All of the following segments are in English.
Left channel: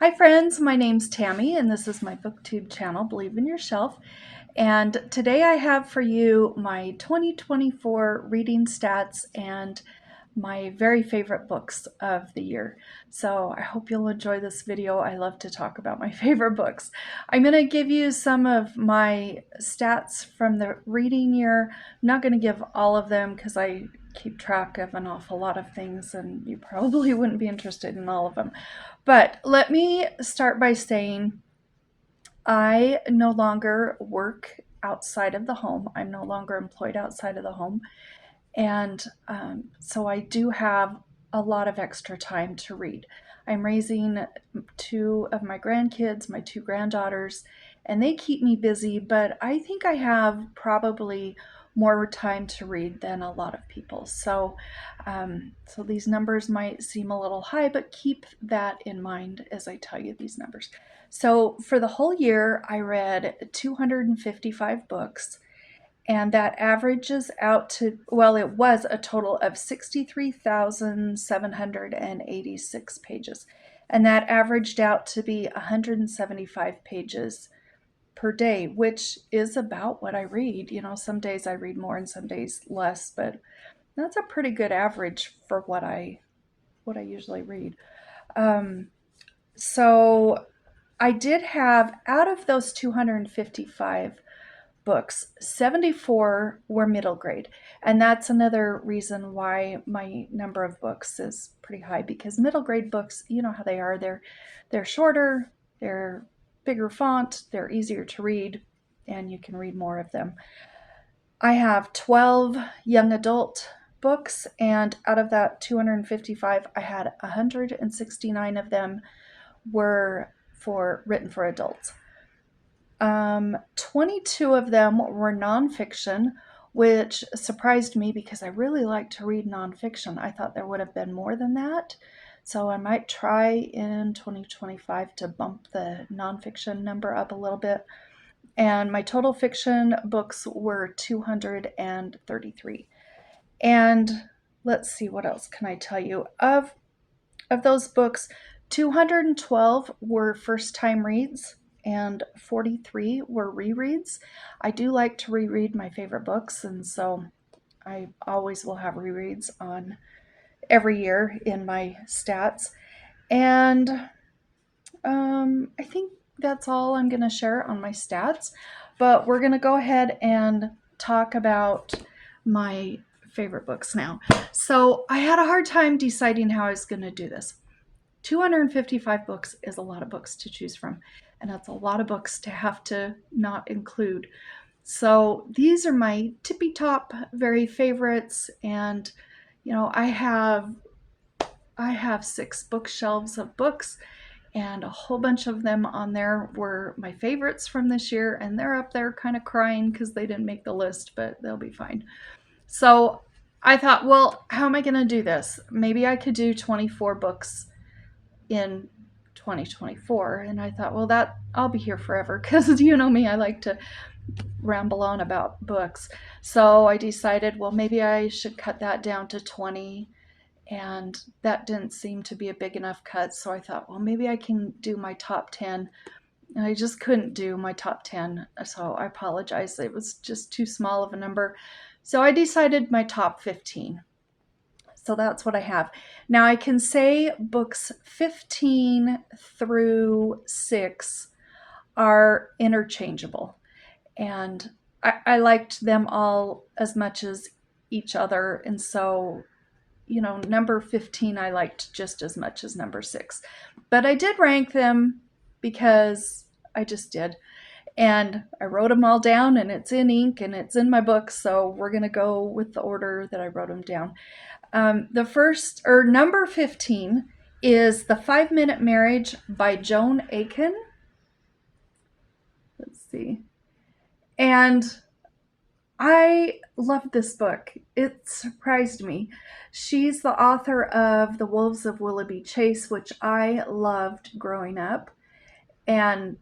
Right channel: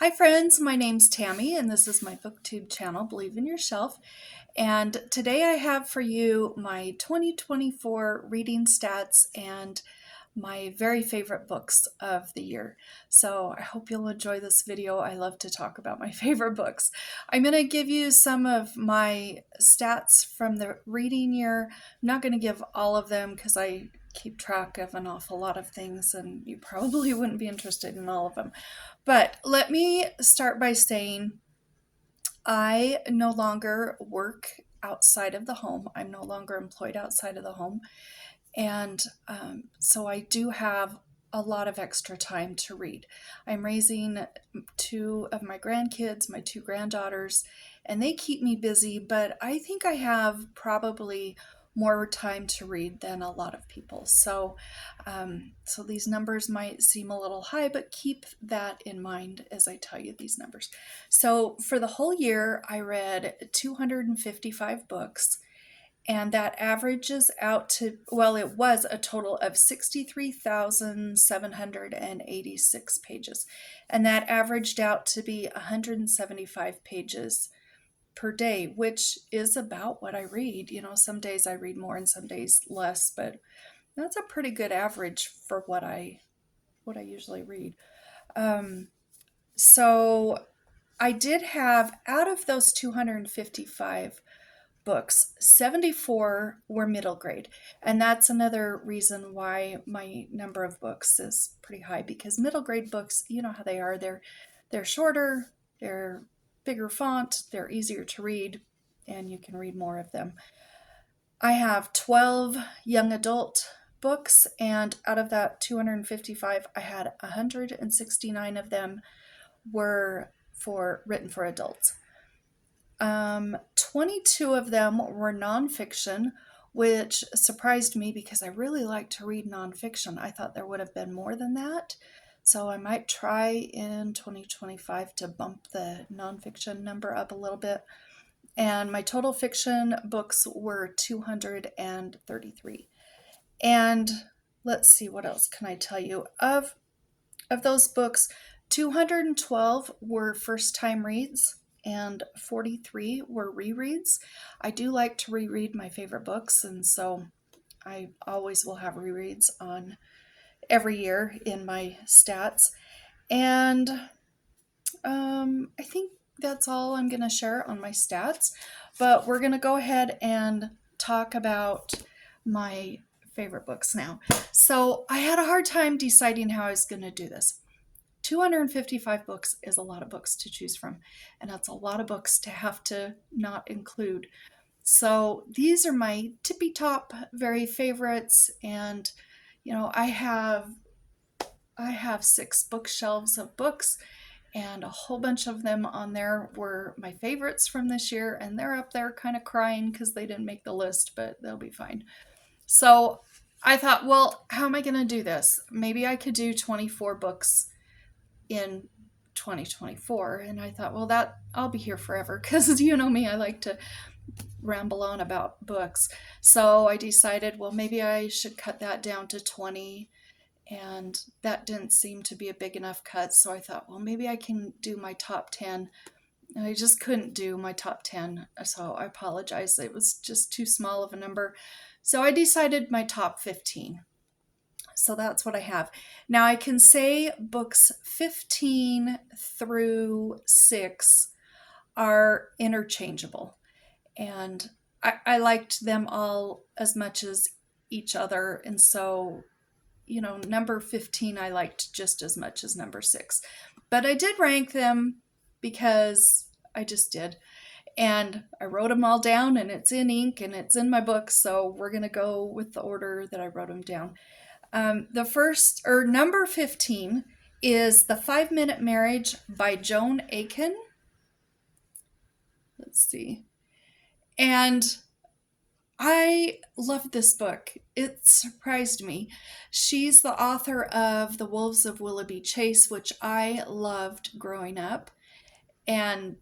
Hi friends, my name's Tammy and this is my booktube channel, Believe in Yourself. And today I have for you my 2024 reading stats and my very favorite books of the year. So I hope you'll enjoy this video. I love to talk about my favorite books. I'm going to give you some of my stats from the reading year. I'm not going to give all of them because I keep track of an awful lot of things and you probably wouldn't be interested in all of them. But let me start by saying I no longer work outside of the home. I'm no longer employed outside of the home. And so I do have a lot of extra time to read. I'm raising two of my grandkids, my two granddaughters, and they keep me busy, but I think I have probably more time to read than a lot of people. So these numbers might seem a little high, but keep that in mind as I tell you these numbers. So for the whole year, I read 255 books. And that averages out to, well, it was a total of 63,786 pages. And that averaged out to be 175 pages per day, which is about what I read. You know, some days I read more and some days less, but that's a pretty good average for what I usually read. Um, so I did have, out of those 255 books, 74 were middle grade. And that's another reason why my number of books is pretty high, because middle grade books, you know how they are. They're shorter, they're bigger font, they're easier to read, and you can read more of them. I have 12 young adult books, and out of that 255, I had 169 of them were written for adults. 22 of them were nonfiction, which surprised me because I really like to read nonfiction. I thought there would have been more than that. So I might try in 2025 to bump the nonfiction number up a little bit. And my total fiction books were 233. And let's see, what else can I tell you? Of those books, 212 were first time reads and 43 were rereads. I do like to reread my favorite books, and so I always will have rereads on every year in my stats. And I think that's all I'm going to share on my stats, but we're going to go ahead and talk about my favorite books now. So I had a hard time deciding how I was going to do this. 255 books is a lot of books to choose from, and that's a lot of books to have to not include. So these are my tippy top very favorites, and you know, I have 6 bookshelves of books, and a whole bunch of them on there were my favorites from this year, and they're up there kind of crying because they didn't make the list, but they'll be fine. So I thought, well, how am I going to do this? Maybe I could do 24 books in 2024. And I thought, well, that I'll be here forever because you know me, I like to ramble on about books. So I decided, well, maybe I should cut that down to 20. And that didn't seem to be a big enough cut. So I thought, well, maybe I can do my top 10. And I just couldn't do my top 10. So I apologize. It was just too small of a number. So I decided my top 15. So that's what I have. Now I can say books 15 through 6 are interchangeable. And I liked them all as much as each other. And so, you know, number 15 I liked just as much as number 6. But I did rank them because I just did. And I wrote them all down, and it's in ink and it's in my book. So we're going to go with the order that I wrote them down. The first, or number 15, is The 5-Minute Marriage by Joan Aiken. Let's see. And I loved this book. It surprised me. She's the author of The Wolves of Willoughby Chase, which I loved growing up. And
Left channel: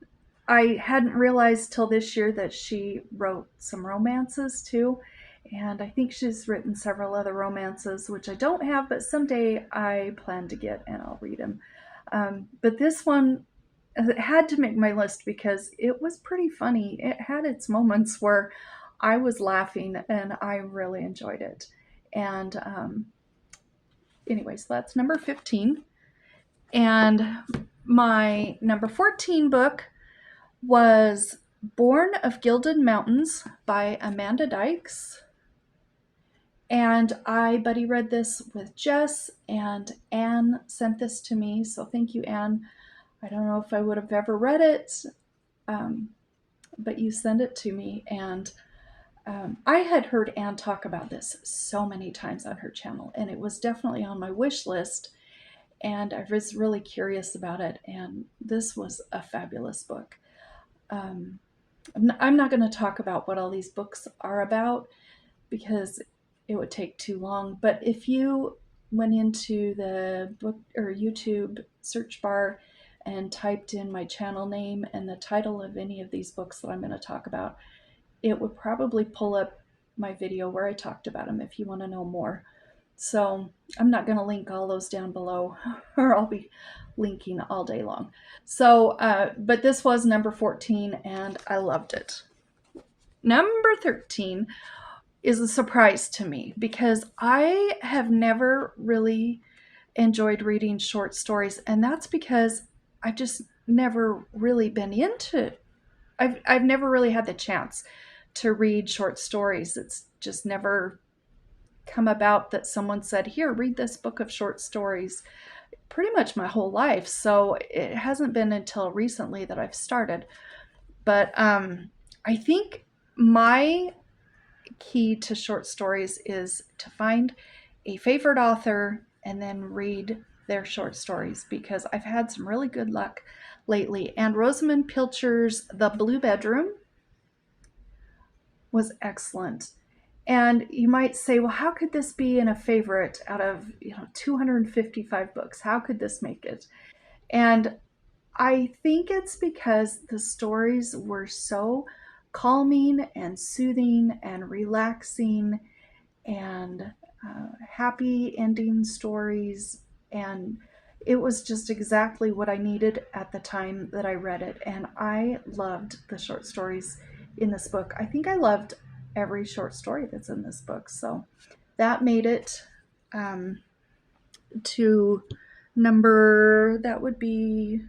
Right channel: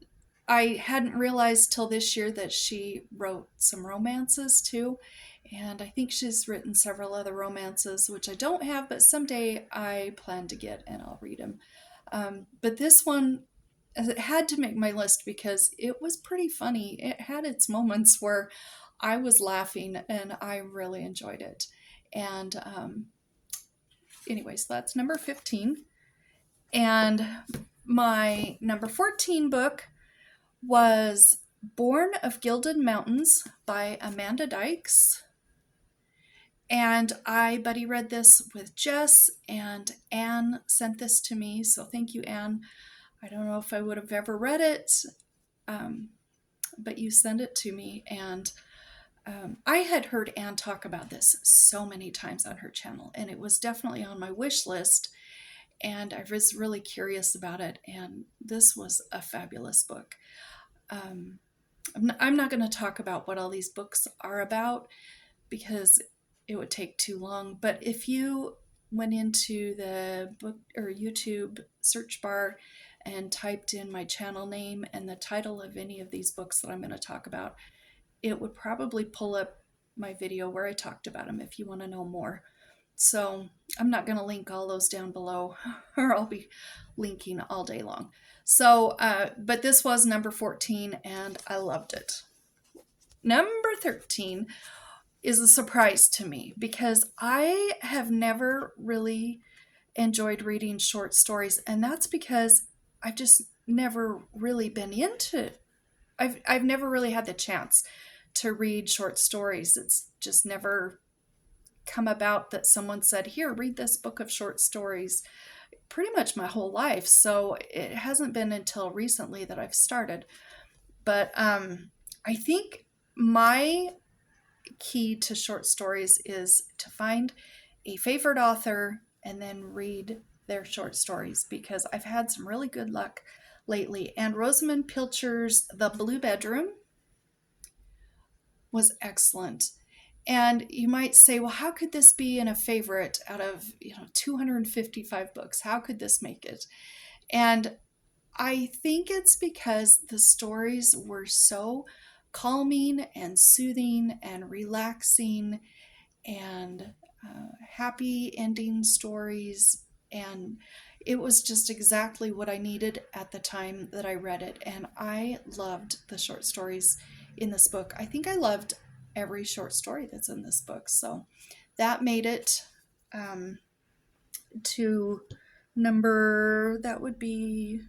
I hadn't realized till this year that she wrote some romances too. And I think she's written several other romances, which I don't have, but someday I plan to get and I'll read them. But this one, it had to make my list because it was pretty funny. It had its moments where I was laughing and I really enjoyed it. And anyways, that's number 15. And my number 14 book was Born of Gilded Mountains by Amanda Dykes. And I buddy read this with Jess, and Anne sent this to me. So thank you, Anne. I don't know if I would have ever read it, but you sent it to me. And I had heard Anne talk about this so many times on her channel, and it was definitely on my wish list. And I was really curious about it. And this was a fabulous book. I'm not going to talk about what all these books are about because it would take too long. But if you went into the book or YouTube search bar and typed in my channel name and the title of any of these books that I'm going to talk about, it would probably pull up my video where I talked about them if you want to know more. So I'm not going to link all those down below, or I'll be linking all day long. So, but this was number 14 and I loved it. Number 13 is a surprise to me because I have never really enjoyed reading short stories, and that's because I've just never really been into it. I've never really had the chance to read short stories. It's just never come about that someone said, here, read this book of short stories, pretty much my whole life. So it hasn't been until recently that I've started. But I think my key to short stories is to find a favorite author and then read their short stories, because I've had some really good luck lately. And Rosamunde Pilcher's The Blue Bedroom was excellent. And you might say, well, how could this be in a favorite out of 255 books? How could this make it? And I think it's because the stories were so calming and soothing and relaxing and happy ending stories. And it was just exactly what I needed at the time that I read it. And I loved the short stories in this book. I think I loved every short story that's in this book. So that made it to number, that would be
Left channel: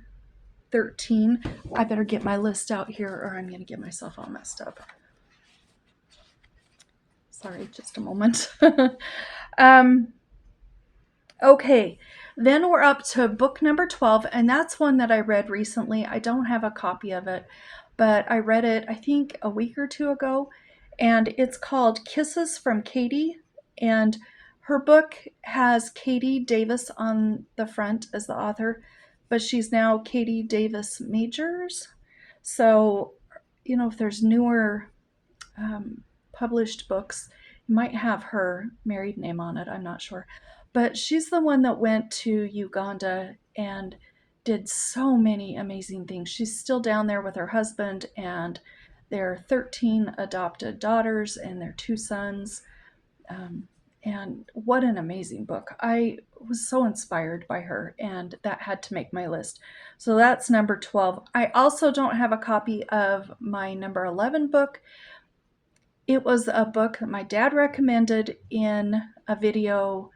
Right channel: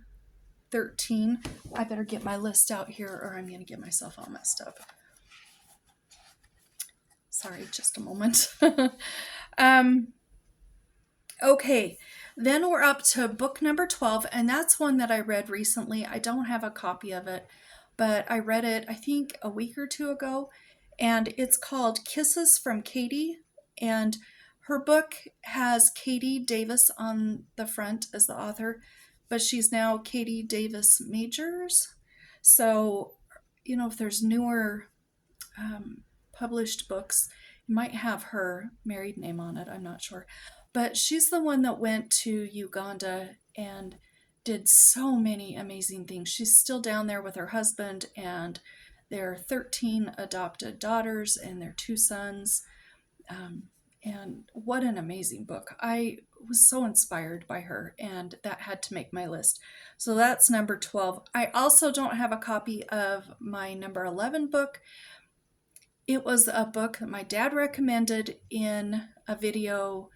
13. I better get my list out here or I'm going to get myself all messed up. Sorry, just a moment. Okay, then we're up to book number 12, and that's one that I read recently. I don't have a copy of it, but I read it, I think, a week or two ago, and it's called Kisses from Katie, and her book has Katie Davis on the front as the author, but she's now Katie Davis Majors. So, if there's newer published books, you might have her married name on it, I'm not sure. But she's the one that went to Uganda and did so many amazing things. She's still down there with her husband and their 13 adopted daughters and their 2 sons. And what an amazing book. I was so inspired by her, and that had to make my list. So that's number 12. I also don't have a copy of my number 11 book. It was a book that my dad recommended in a video.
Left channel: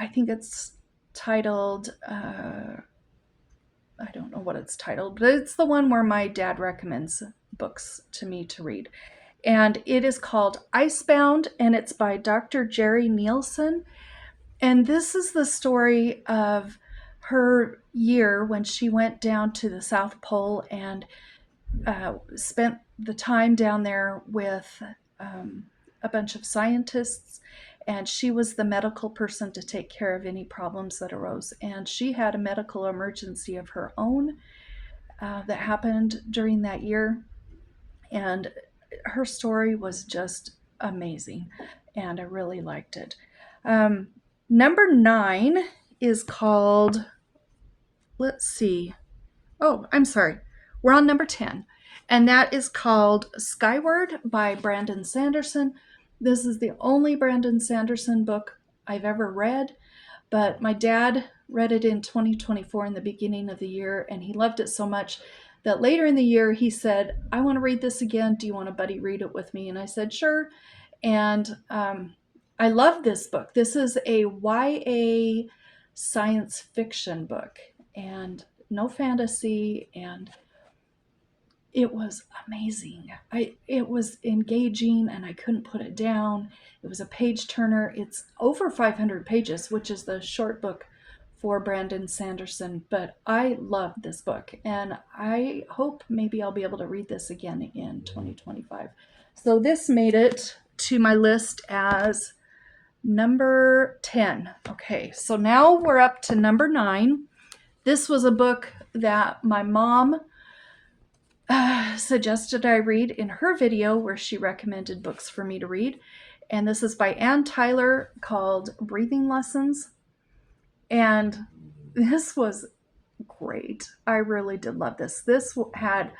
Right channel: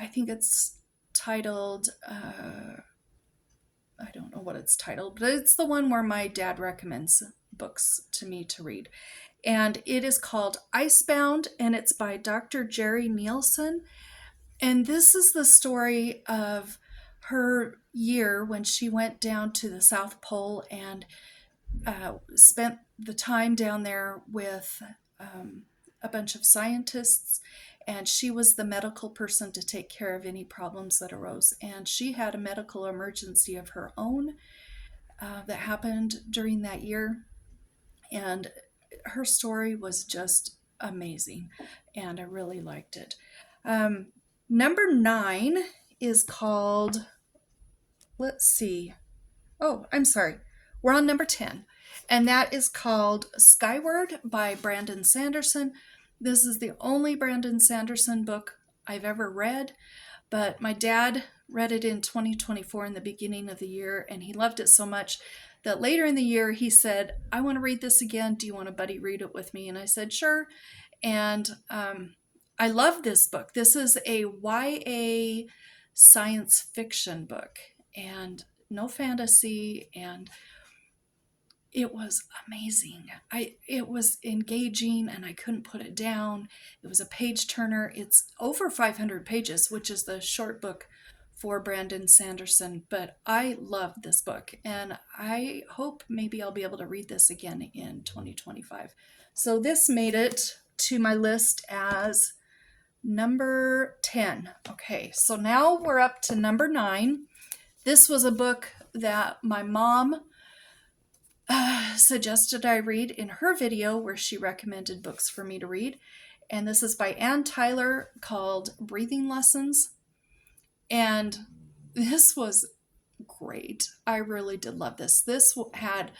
I think it's titled, I don't know what it's titled, but it's the one where my dad recommends books to me to read. And it is called Icebound, and it's by Dr. Jeri Nielsen. And this is the story of her year when she went down to the South Pole and spent the time down there with a bunch of scientists, and she was the medical person to take care of any problems that arose. And she had a medical emergency of her own that happened during that year, and her story was just amazing, and I really liked it. Number 9 is called, let's see, oh, I'm sorry, we're on number 10, and that is called Skyward by Brandon Sanderson. This is the only Brandon Sanderson book I've ever read, but my dad read it in 2024 in the beginning of the year, and he loved it so much that later in the year he said, I want to read this again. Do you want to buddy read it with me? And I said, sure. And I love this book. This is a YA science fiction book and no fantasy, and it was amazing. It was engaging and I couldn't put it down. It was a page turner. It's over 500 pages, which is the short book for Brandon Sanderson, but I loved this book and I hope maybe I'll be able to read this again in 2025. So this made it to my list as number 10. Okay, so now we're up to number 9. This was a book that my mom suggested I read in her video where she recommended books for me to read. And this is by Ann Tyler called Breathing Lessons. And this was great. I really did love this. This had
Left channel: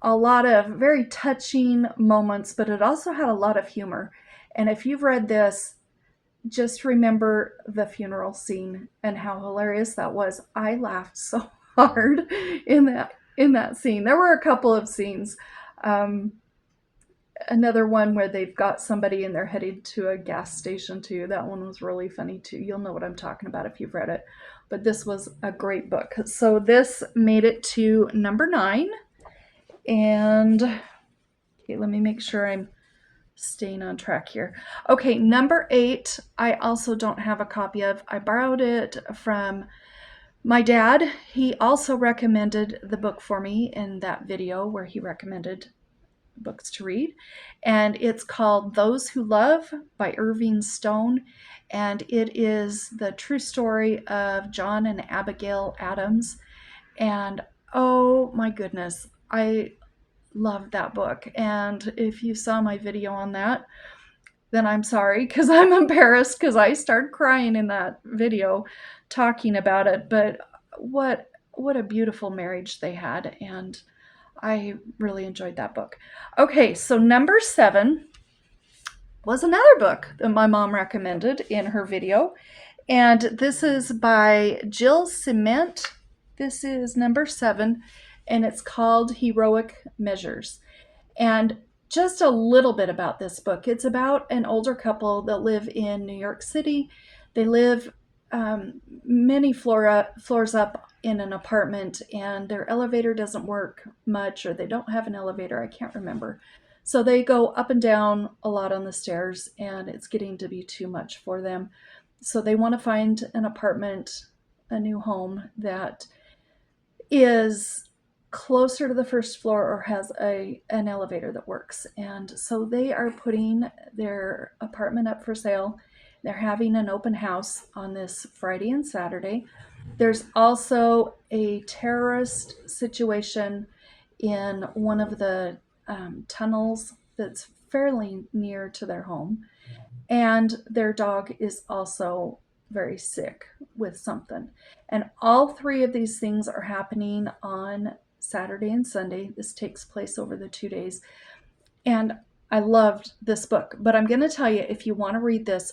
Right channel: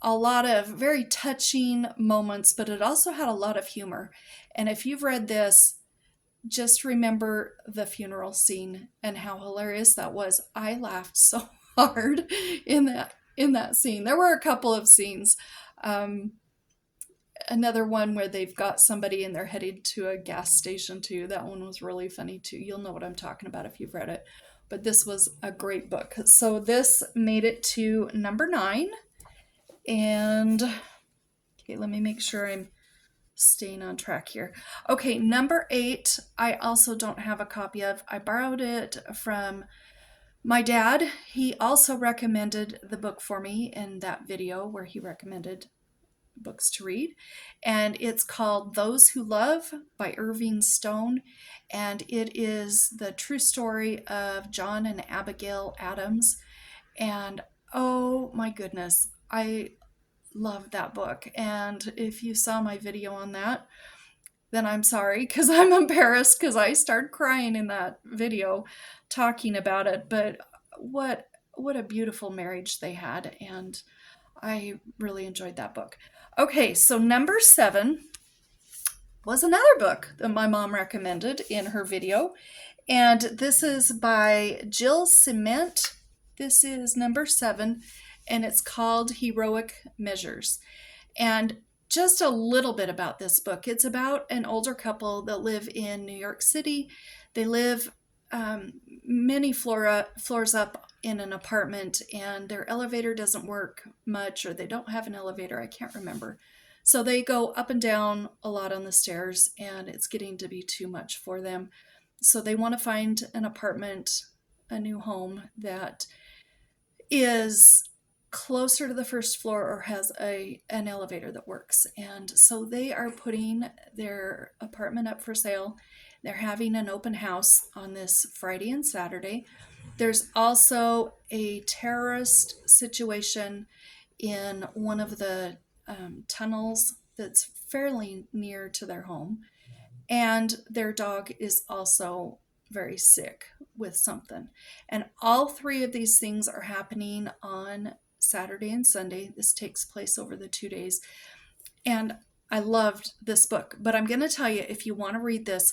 a lot of very touching moments, but it also had a lot of humor. And if you've read this, just remember the funeral scene and how hilarious that was. I laughed so hard in that scene. There were a couple of scenes. Another one where they've got somebody and they're headed to a gas station too. That one was really funny too. You'll know what I'm talking about if you've read it. But this was a great book. So this made it to number 9. And okay, let me make sure I'm staying on track here. Okay, number 8, I also don't have a copy of. I borrowed it from my dad. He also recommended the book for me in that video where he recommended books to read. And it's called Those Who Love by Irving Stone. And it is the true story of John and Abigail Adams. And oh my goodness, I love that book. And if you saw my video on that, then I'm sorry, because I'm embarrassed because I started crying in that video talking about it. But what a beautiful marriage they had, and I really enjoyed that book. Okay, so number 7 was another book that my mom recommended in her video, and this is by Jill Ciment. This is number 7, and it's called Heroic Measures. And just a little bit about this book. It's about an older couple that live in New York City. They live many floors up in an apartment, and their elevator doesn't work much, or they don't have an elevator. I can't remember. So they go up and down a lot on the stairs, and it's getting to be too much for them. So they want to find an apartment, a new home that is closer to the first floor or has an elevator that works. And so they are putting their apartment up for sale. They're having an open house on this Friday and Saturday. There's also a terrorist situation in one of the tunnels that's fairly near to their home. And their dog is also very sick with something. And all 3 of these things are happening on Saturday and Sunday. This takes place over the 2 days. And I loved this book. But I'm going to tell you, if you want to read this,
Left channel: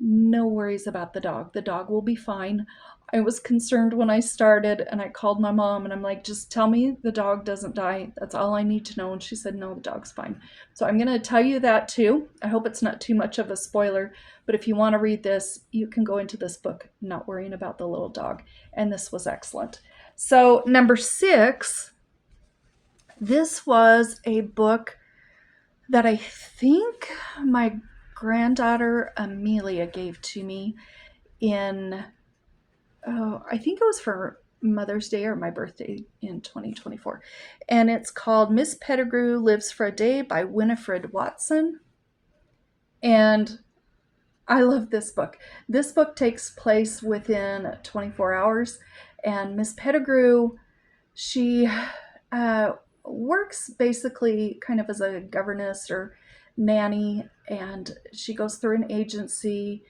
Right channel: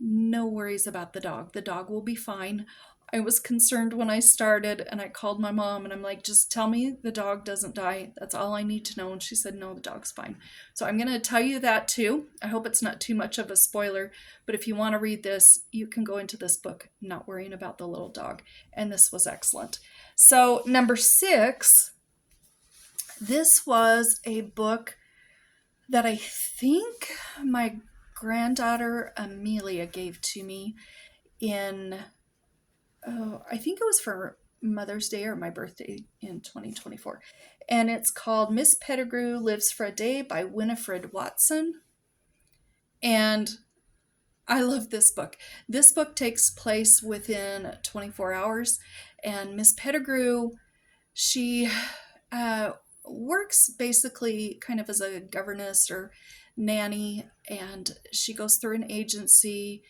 no worries about the dog. The dog will be fine. I was concerned when I started, and I called my mom and I'm like, just tell me the dog doesn't die. That's all I need to know. And she said, no, the dog's fine. So I'm going to tell you that too. I hope it's not too much of a spoiler, but if you want to read this, you can go into this book not worrying about the little dog. And this was excellent. So number 6, this was a book that I think my granddaughter Amelia gave to me in I think it was for Mother's Day or my birthday in 2024. And it's called Miss Pettigrew Lives for a Day by Winifred Watson. And I love this book. This book takes place within 24 hours. And Miss Pettigrew, she works basically kind of as a governess or nanny. And she goes through an agency,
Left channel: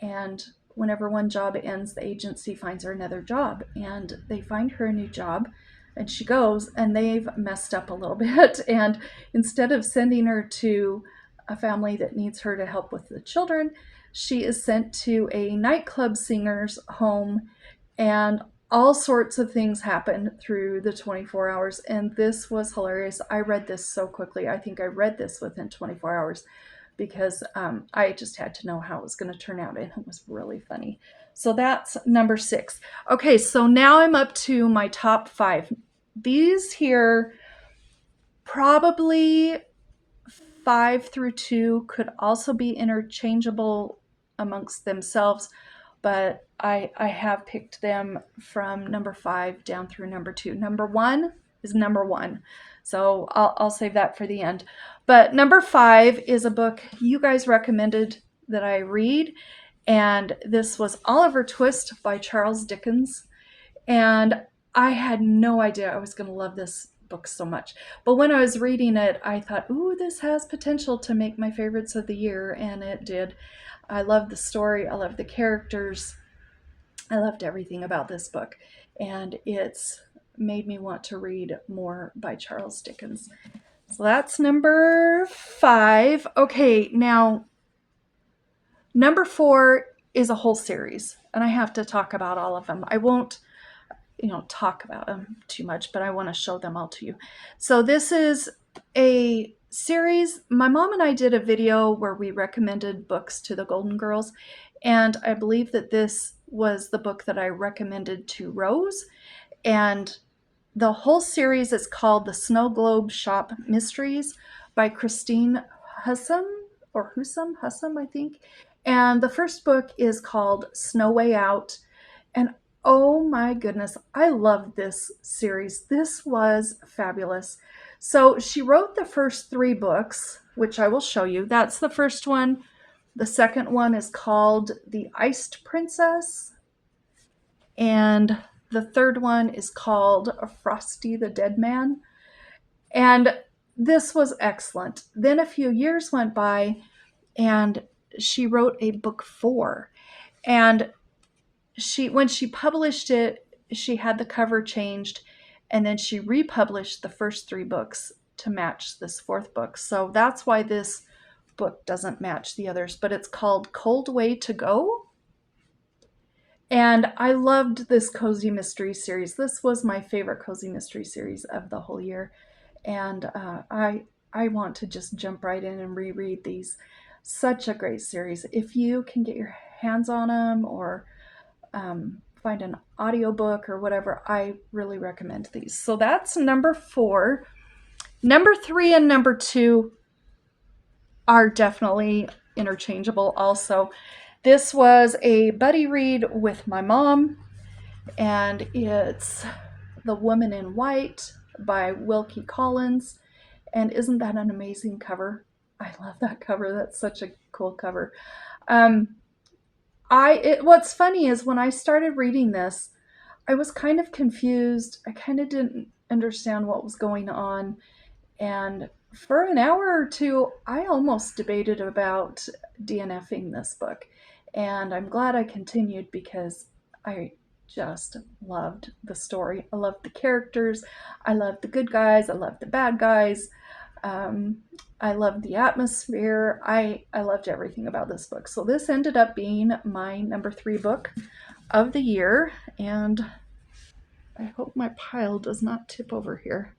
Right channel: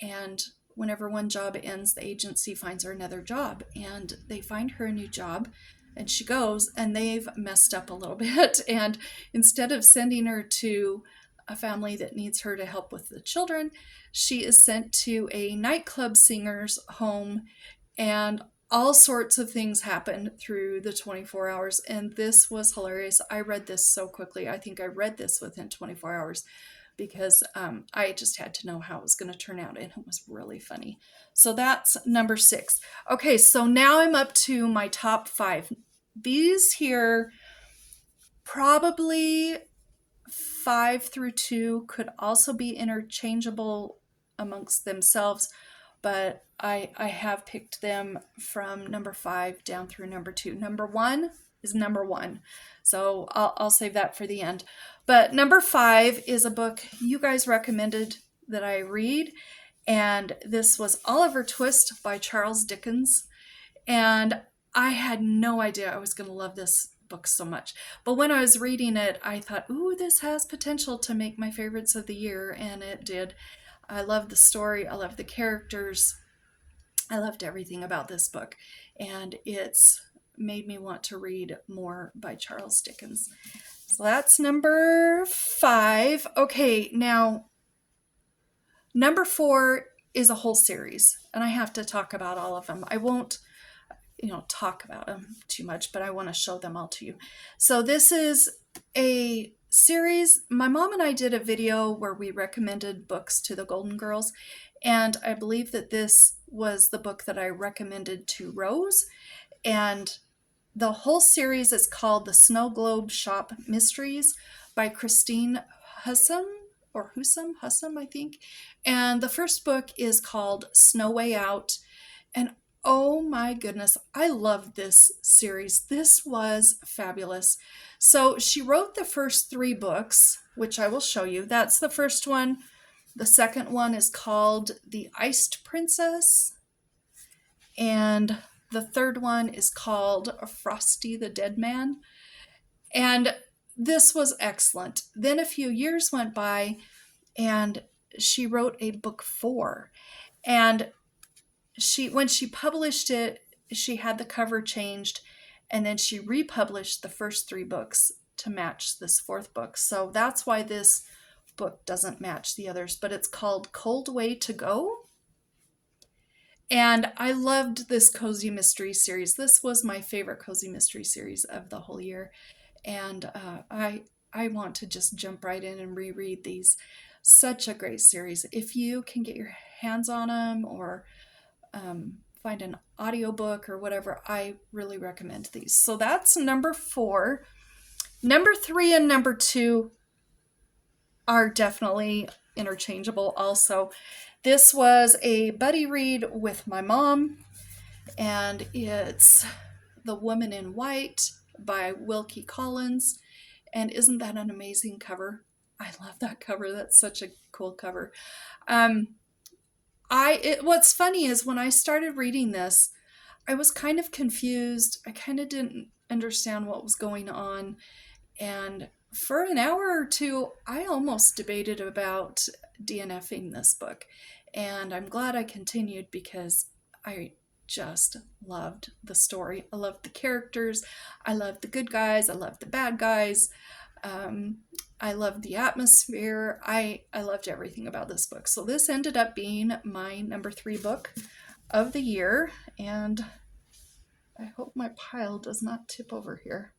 and whenever one job ends, the agency finds her another job, and they find her a new job, and she goes, and they've messed up a little bit. And instead of sending her to a family that needs her to help with the children, she is sent to a nightclub singer's home and all sorts of things happen through the 24 hours. And this was hilarious. I read this so quickly. I think I read this within 24 hours because I just had to know how it was going to turn out, and it was really funny. So that's number 6. Okay, so now I'm up to my top 5. These here, probably 5 through 2 could also be interchangeable amongst themselves, but I have picked them from number 5 down through number 2. Number 1 is number 1. So I'll save that for the end. But number 5 is a book you guys recommended that I read, and this was Oliver Twist by Charles Dickens. And I had no idea I was going to love this book so much. But when I was reading it, I thought, ooh, this has potential to make my favorites of the year, and it did. I loved the story. I loved the characters. I loved everything about this book, and it's made me want to read more by Charles Dickens. So that's number 5. Okay, now number 4 is a whole series, and I have to talk about all of them. I won't talk about them too much, but I want to show them all to you. So this is a series. My mom and I did a video where we recommended books to the Golden Girls, and I believe that this was the book that I recommended to Rose. And the whole series is called The Snow Globe Shop Mysteries by Christine Husom, I think. And the first book is called Snow Way Out. And oh my goodness, I love this series. This was fabulous. So she wrote the first 3 books, which I will show you. That's the first one. The second one is called The Iced Princess. And the third one is called Frosty the Dead Man. And this was excellent. Then a few years went by, and she wrote a book 4. And when she published it, she had the cover changed, and then she republished the first 3 books to match this 4th book. So that's why this book doesn't match the others, but it's called Cold Way to Go. And I loved this cozy mystery series. This was my favorite cozy mystery series of the whole year. And I want to just jump right in and reread these. Such a great series. If you can get your hands on them, or find an audiobook or whatever, I really recommend these. So that's number 4. Number 3 and number 2 are definitely interchangeable also. This was a buddy read with my mom, and it's The Woman in White by Wilkie Collins. And isn't that an amazing cover? I love that cover. That's such a cool cover. What's funny is when I started reading this, I was kind of confused. I kind of didn't understand what was going on. And for an hour or 2, I almost debated about DNFing this book. And I'm glad I continued because I just loved the story. I loved the characters. I loved the good guys. I loved the bad guys. I loved the atmosphere. I loved everything about this book. So this ended up being my number 3 book of the year. And I hope my pile does not tip over here.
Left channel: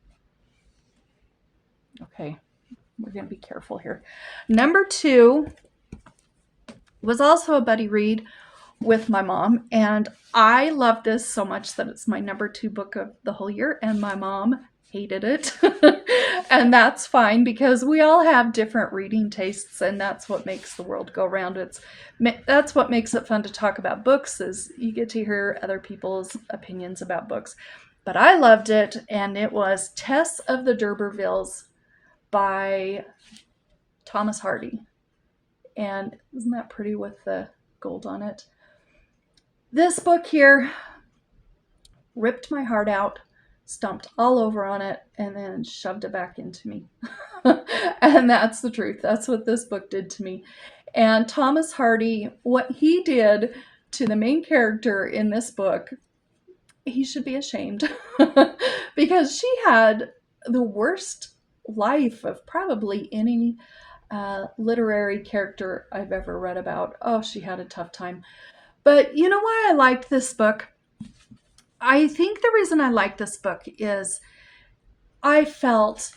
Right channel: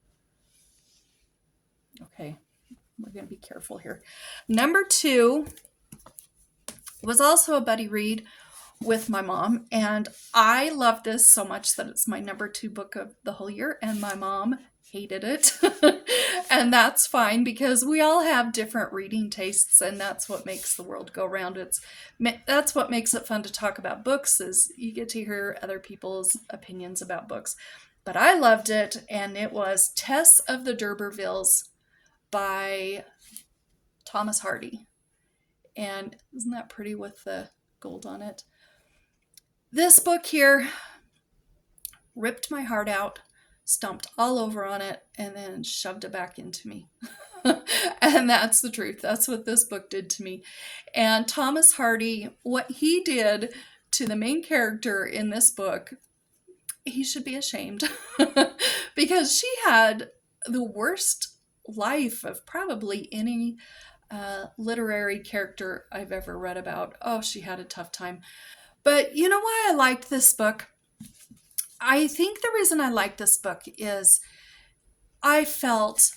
Okay, we're going to be careful here. Number 2 was also a buddy read with my mom, and I love this so much that it's my number 2 book of the whole year, and my mom hated it. And that's fine, because we all have different reading tastes, and that's what makes the world go round. That's what makes it fun to talk about books, is you get to hear other people's opinions about books. But I loved it, and it was Tess of the D'Urbervilles by Thomas Hardy. And isn't that pretty with the gold on it? This book here ripped my heart out, stomped all over on it, and then shoved it back into me. And that's the truth. That's what this book did to me. And Thomas Hardy, what he did to the main character in this book, he should be ashamed. Because she had the worst life of probably any literary character I've ever read about. Oh, she had a tough time. But you know why I liked this book? I think the reason I like this book is I felt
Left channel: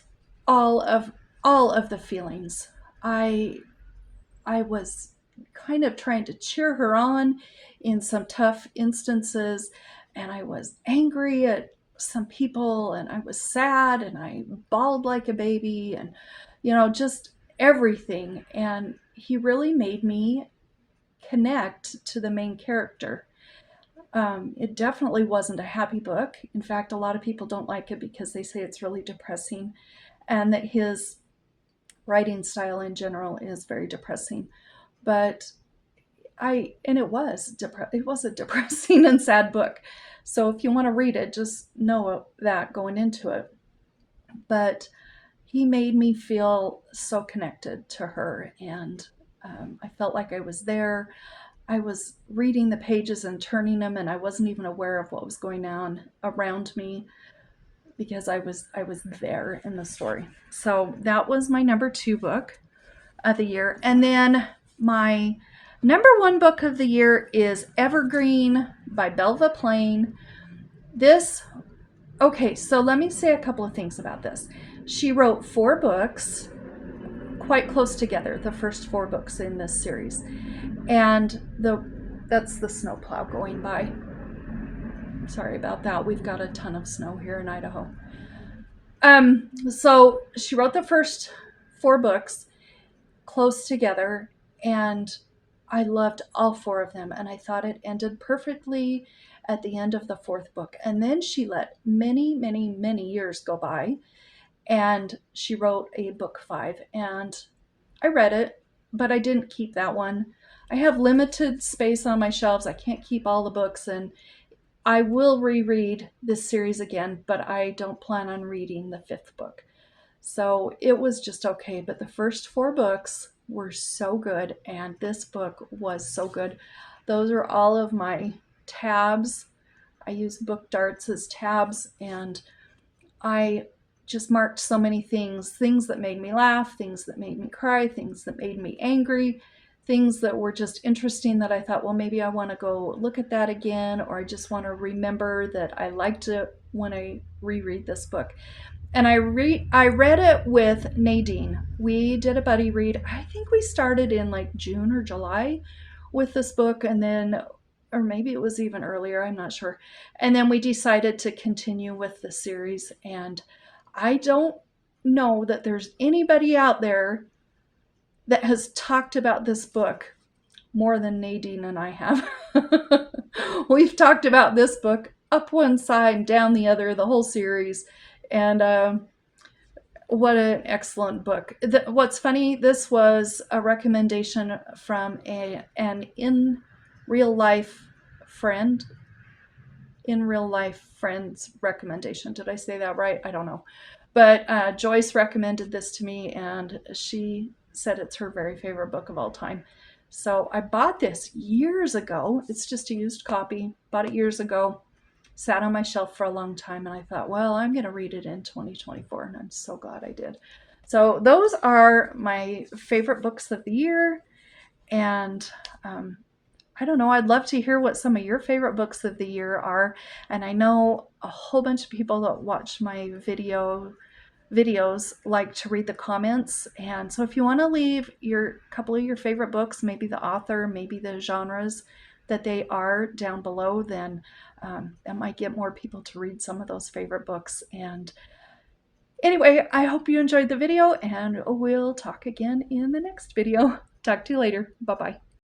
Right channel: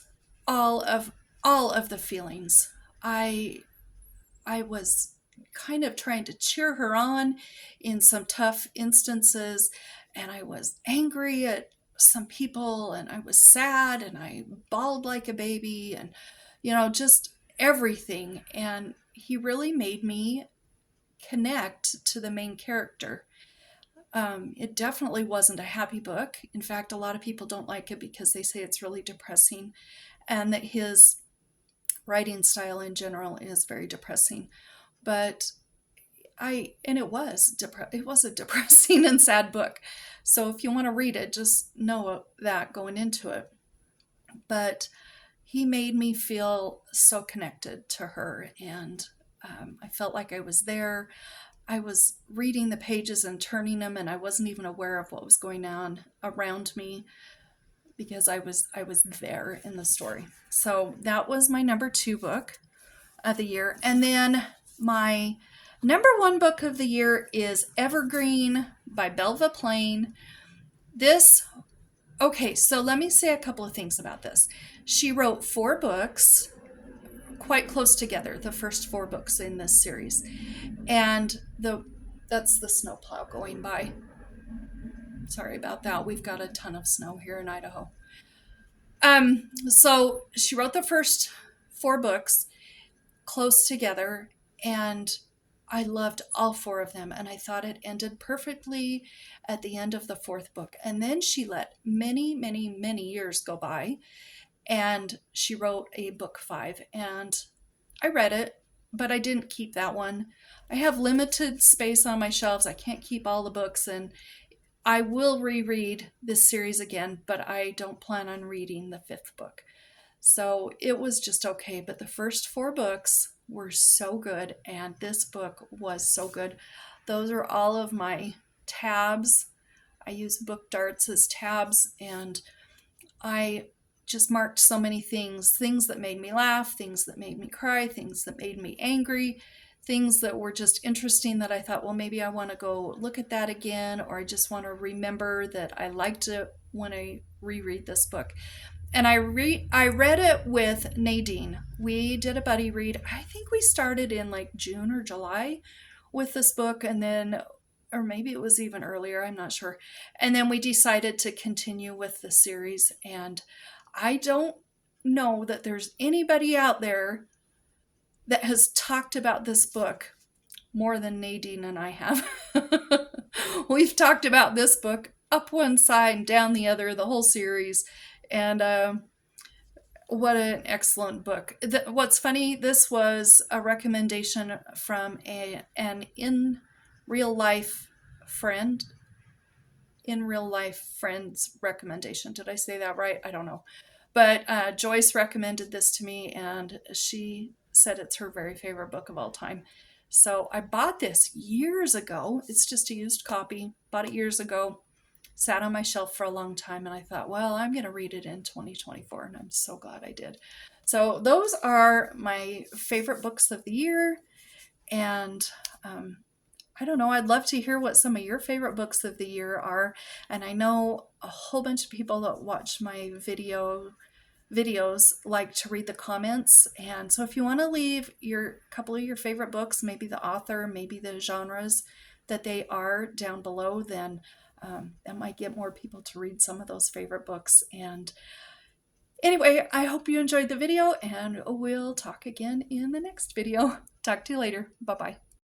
all of all of the feelings. I I was kind of trying to cheer her on in some tough instances, and I was angry at some people, and I was sad, and I bawled like a baby, and just everything. And he really made me connect to the main character. It definitely wasn't a happy book. In fact, a lot of people don't like it because they say it's really depressing, and that his writing style in general is very depressing. But it was a depressing and sad book. So if you want to read it, just know that going into it. But he made me feel so connected to her, and I felt like I was there. I was reading the pages and turning them, and I wasn't even aware of what was going on around me because I was there in the story. So that was my number 2 book of the year. And then my number 1 book of the year is Evergreen by Belva Plain. Okay, so let me say a couple of things about this. She wrote 4 books quite close together, the first 4 books in this series. And that's the snowplow going by. Sorry about that. We've got a ton of snow here in Idaho. So she wrote the first 4 books close together, and I loved all 4 of them, and I thought it ended perfectly at the end of the 4th book. And then she let many, many, many years go by, and she wrote a book 5, and I read it, but I didn't keep that one. I have limited space on my shelves. I can't keep all the books, and I will reread this series again, but I don't plan on reading the 5th book. So it was just okay, but the first 4 books were so good, and this book was so good. Those are all of my tabs. I use book darts as tabs, and I just marked so many things that made me laugh, things that made me cry, things that made me angry, things that were just interesting that I thought, well, maybe I want to go look at that again, or I just want to remember that I liked it when I reread this book. And I read it with Nadine. We did a buddy read. I think we started in like June or July with this book, and then, or maybe it was even earlier, I'm not sure. And then we decided to continue with the series. And I don't know that there's anybody out there that has talked about this book more than Nadine and I have. We've talked about this book up one side, down the other, the whole series. And what an excellent book. What's funny, this was a recommendation from an in real life friend's recommendation. Did I say that right? I don't know. But Joyce recommended this to me, and she said it's her very favorite book of all time. So I bought this years ago. It's just a used copy. Bought it years ago. Sat on my shelf for a long time, and I thought, well, I'm going to read it in 2024, and I'm so glad I did. So those are my favorite books of the year, and I don't know, I'd love to hear what some of your favorite books of the year are, and I know a whole bunch of people that watch my videos like to read the comments, and so if you want to leave your couple of your favorite books, maybe the author, maybe the genres that they are down below, then that might get more people to read some of those favorite books. And anyway, I hope you enjoyed the video, and we'll talk again in the next video. Talk to you later. Bye-bye.